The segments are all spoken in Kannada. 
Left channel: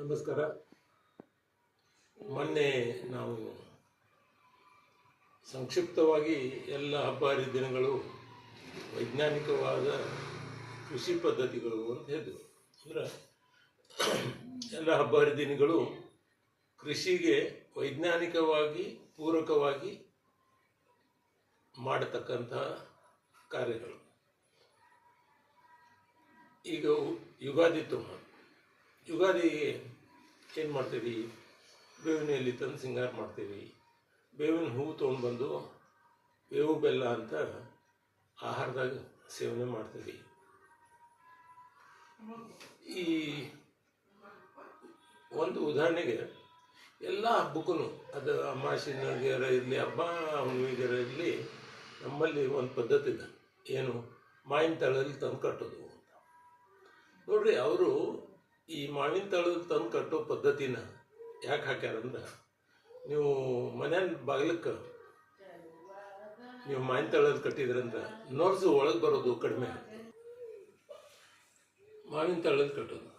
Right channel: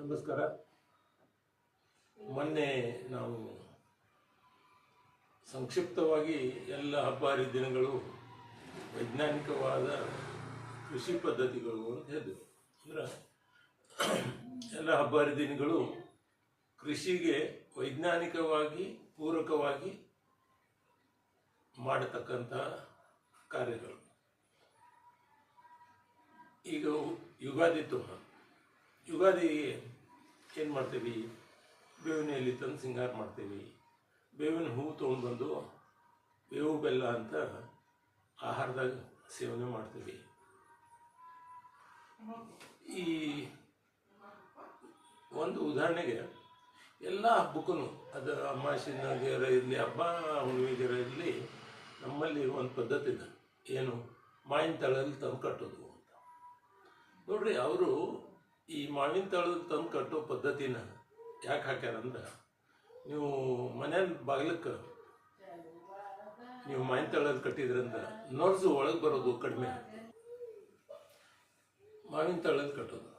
ನಮಸ್ಕಾರ. ಮೊನ್ನೆ ನಾವು ಸಂಕ್ಷಿಪ್ತವಾಗಿ ಎಲ್ಲ ಹಬ್ಬ ಹರಿದಿನಗಳು ವೈಜ್ಞಾನಿಕವಾದ ಕೃಷಿ ಪದ್ಧತಿಗಳು ಅಂತ ಹೇಳಿದ್ವು. ಅಂದ್ರೆ ಎಲ್ಲ ಹಬ್ಬ ಹರಿದಿನಗಳು ಕೃಷಿಗೆ ವೈಜ್ಞಾನಿಕವಾಗಿ ಪೂರಕವಾಗಿ ಮಾಡತಕ್ಕಂಥ ಕಾರ್ಯಗಳು. ಈಗ ಯುಗಾದಿಗೆ ಏನು ಮಾಡ್ತೀವಿ? ಬೇವಿನ ಎಲೆ ತಂದು ಸಿಂಗಾರ ಮಾಡ್ತೀವಿ. ಬೇವಿನ ಹೂವು ತೊಗೊಂಡ್ಬಂದು ಬೇವು ಬೆಲ್ಲ ಅಂತ ಆಹಾರದಾಗ ಸೇವನೆ ಮಾಡ್ತೀವಿ. ಈ ಒಂದು ಉದಾಹರಣೆಗೆ ಎಲ್ಲ ಹಬ್ಬಕ್ಕೂ ಅದು ಅಮಾವಾಸ್ಯೆಗರ ಇರಲಿ, ಹಬ್ಬ ಹುಣ್ಣಿಮೆಗರ ಇರಲಿ, ನಮ್ಮಲ್ಲಿ ಒಂದು ಪದ್ಧತಿ ಇದೆ. ಏನು? ಮಾವಿನ ತಳಲ್ಲಿ ತಂದು ಕಟ್ಟೋದು ಅಂತ. ನೋಡ್ರಿ, ಅವರು ಈ ಮಾವಿನ ತಳದಲ್ಲಿ ತಂದು ಕಟ್ಟೋ ಪದ್ಧತಿನ ಯಾಕೆ ಹಾಕ್ಯಾರಂದ್ರೆ, ನೀವು ಮನೆಯ ಬಾಗಿಲಕ್ಕೆ ನೀವು ಮಾವಿನ ತಳದಲ್ಲಿ ಕಟ್ಟಿದ್ರಂತ ನೋಡ್ಸು ಒಳಗೆ ಬರೋದು ಕಡಿಮೆ ಆಗುತ್ತೆ. ಮಾವಿನ ತಳದಲ್ಲಿ ಕಟ್ಟೋದು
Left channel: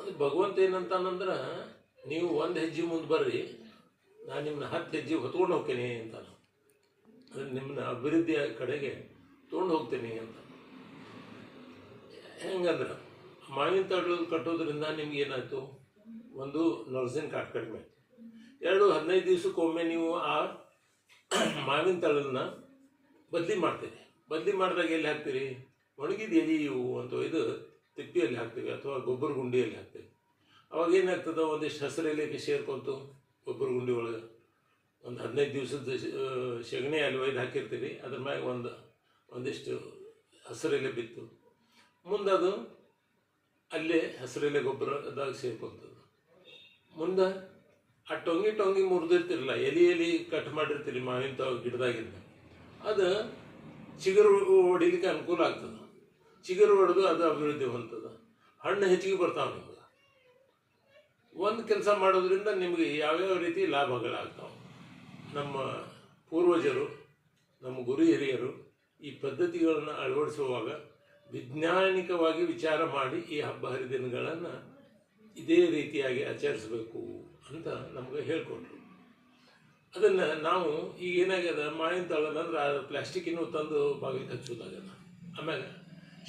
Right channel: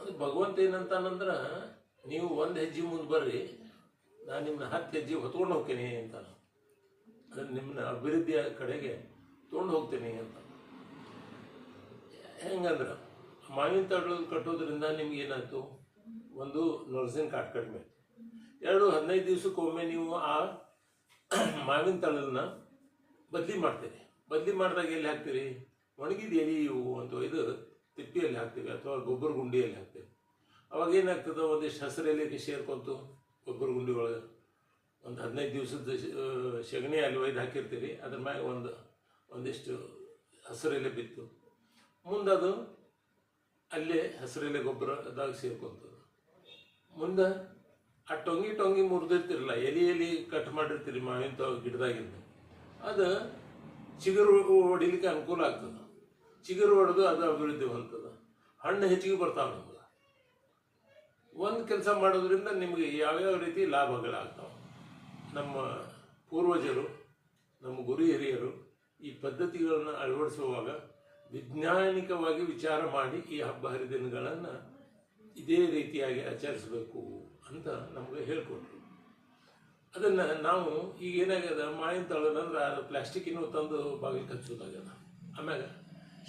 ಅದು ಭಗವಂತ ಏನಂತಾನಂದ್ರೆ, ನೀವು ಒಂದು ಹೆಜ್ಜೆ ಮುಂದೆ ಬರ್ರಿ, ನಾನು ನಿಮ್ಮನ್ನ 10 ಹೆಜ್ಜೆ ಹೊತ್ಕೊಂಡು ಹೋಗ್ತೀನಿ ಅಂತ. ನಿಮ್ಮನ್ನ ಅಭಿವೃದ್ಧಿಯ ಕಡೆಗೆ ತೊಗೊಂಡು ಹೋಗ್ತೀನಿ ಅಂತ. ಹೆಂಗಂದ್ರೆ, ಮಾವಿನ ತಳದಲ್ಲಿ ಕಟ್ಟೋದ್ರಿಂದ ನಿಮ್ಗೆ ಏನಾಯ್ತು? ಒಂದು ನರ್ಸಿನ ಕಾಟ್ ಕಡಿಮೆ. 15 ದಿವಸಕ್ಕೊಮ್ಮೆ ನೀವು ಆ ಮಾವಿನ ತಳನ್ನ ಬದಲಿ ಮಾಡ್ತೀರಿ. ಬದಲಿ ಮಾಡಿದಾಗ ಎಲ್ಲಿ ಹಾಕ್ತೀರಿ? ಒಣಗಿದ ಎಲೆ ಇವು ಅಂತ ಇದು ತಿಪ್ಪಿಯಲ್ಲಿ ಹಾಕ್ತೀವಿ ಅಥವಾ ಗೊಬ್ಬರ ಗುಂಡಿಯಲ್ಲಿ ಹಾಕ್ತೀವಿ. ಅವಾಗ ಏನಾಗ್ತದೆ? ಒಂದಿಷ್ಟು ಹಸಿರು ಎಲೆಗೆ ಸೇರ್ಕೊಂತು ಗೊಬ್ಬರ ಗುಂಡಿ ಒಳಗೆ ಒಂದು 15 ದಿವಸದ ಸಗಣಿ ಅಲ್ಲಿ ಒಯ್ದು ಹಾಕಿರ್ತೀರಿ. ಅದ್ರ ಮ್ಯಾಗ ಒಂದಿಷ್ಟು ಹಸಿರು ಎಲೆ ಬಿತ್ತು. ಮುಂದೆ ಅದು ಅಲ್ಲೇ ಹಸಿರೆಲೆ ಗೊಬ್ಬರದಾಗ ಸೇರ್ಕೊಂತದ್ದು. ಮುಂದೆ ಆ ಟೊಂಗಿ ಮುರಿದಿರ್ತಿರಲ್ಲ, ಎಲೆ ಕಟ್ ಮಾಡಿರ್ತೀರಿ ಮಾವಿನ ಗಿಡದಾಗಿಂದ, ಅದು ಚಿಗುರು ಹೊಡಿಲಿಕ್ಕೆ ಅನುಕೂಲ ಆಗ್ತದೆ. ಚಿಗುರು ಹೊಡೆದು ಅದು ಅಭಿವೃದ್ಧಿ ಹೊಂದದ, ಹಣ್ಣು ಹೆಚ್ಚಿಗೆ ಬರ್ತಾವೆ. ನಿಮ್ಗೆ ಒಂದು ಕೆಲಸ ಮಾಡೋದ್ರಿಂದ ನಿಮಗೆ ಯಾವ್ಯಾವ ರೀತಿ ಲಾಭಗಳಾಗ್ತಾವೆ. ನಮ್ಮ ಪೂರ್ವಜರು, ನಮ್ಮ ಗುರು ಹಿರಿಯರು ಈ ಪದ್ಧತಿಗಳನ್ನು ಅಳವಡಿಸುವಾಗ ವೈಜ್ಞಾನಿಕವಾಗಿ ವಿಚಾರ ಮಾಡಿ ಈ ಹಬ್ಬ ಹರಿದಿನಗಳನ್ನು ಇದೇ ರೀತಿಯಾಗಿ ಆಚರಿಸಬೇಕು ಅಂತ ನಮಗೆ ಹೇಳ್ಕೊಟ್ರು. ಅದನ್ನು ನಾವು ಈಗ ಏನಾಗ್ಯದ, ಮಾವಿನ ತಳದಂದ್ರೆ ಆ ಪ್ಲಾಸ್ಟಿಕ್ಕಿನ ತಂದು ಬಾಗಿಲಿಗೆ ಹಚ್ಚೋದಾಗ್ಯದ. ಆಮ್ಯಾಗ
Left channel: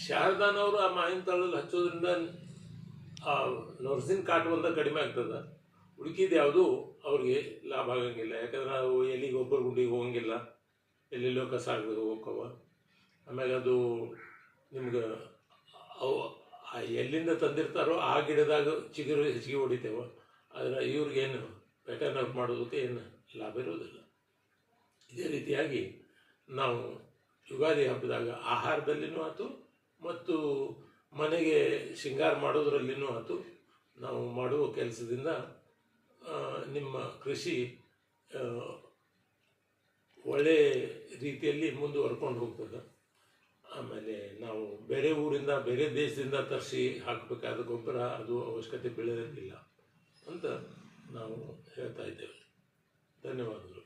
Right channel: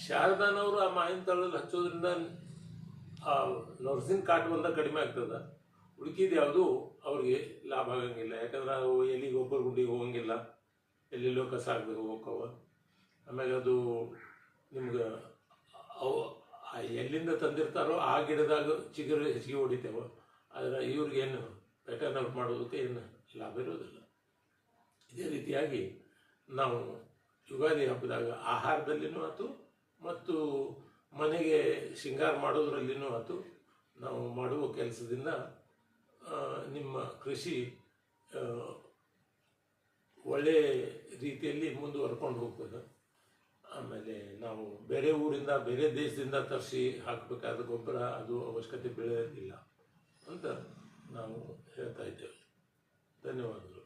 ಶಾರದಾನವರು ಆ ಮಾವಿನ ತಳದಲ್ಲಿ ಹಚ್ಚೋದ್ರಿಂದ ಆ ನರ್ಸಿನ ಕಾಟ್ ಬಂದ ಕಡಿಮೆ ಆಗ್ತದೆ. ಉಳ್ಕಿದ್ದು ಯಾವುದು ಅವ್ರಿಗೆ ಲಾಭ ಆಗಂಗಿಲ್ಲ. ಯಾಕಂದ್ರೆ ಅವು ಎಲ್ಲಿ ಗೊಬ್ಬರ ಗುಂಡಿಗೆ ಹೋಗಂಗಿಲ್ಲ, ಎಲ್ಲೆಲ್ಲೋ ಕಸ ಆಗಬೇಕು ಹೋಗವ. ಆಮ್ಯಾಗ ಅದು ನಿಮ್ಗೆ ಅವು ಎಲ್ಲಿಂದ ತಂದಿರ್ತಾರೋ ಆ ಗಿಡದಾಗ ಚಿಗುರು ಹೆಚ್ಚಿಗೆ ಹೊಡಿತೇವೆ. ಆದರೆ ಇವ್ರಿಗೇನು ಪ್ಯಾಟರ್ನ್ ಔಟ್ ಮಾಡೋದಕ್ಕೆ ಏನು ಲಾಭ ಇರೋದಿಲ್ಲ. ಇದೇ ರೀತಿಯಾಗಿ ನಾವು ಯುಗಾದಿ ಹಬ್ಬದಾಗ ಆಹಾರದಲ್ಲಿನೂ ಆಯ್ತು ಮತ್ತು ಮನೆಗೆ ಶೃಂಗಾರ ಮಾಡೋದ್ರಲ್ಲಿನೂ ಆಯ್ತು, ನಾವು ಮಾಡುವ ಕೆಲಸದಿಂದ ನಿಮ್ಮ ಕೃಷಿ ಒಳ್ಳೆಯ ರೀತಿಯಲ್ಲಿ ಮುಂದುವರ್ಕೊಂಡು ಹೋಗ್ತದೆ. ಆಮೇಲೆ ನಾವು ಬೇರೆ ಊರಿಂದ, ಬೇರೆ ದೇಶದಿಂದ ತರಿಸಿ ಹಾಕಬೇಕಾದ ಗೊಬ್ಬರ ಅದು ಅವಶ್ಯಕತೆ ಬೀಳೋದಿಲ್ಲ ಅಂತ ನಾವು ಹೇಳ್ತಾ ಇದ್ದೇವೆ. ಧನ್ಯವಾದಗಳು.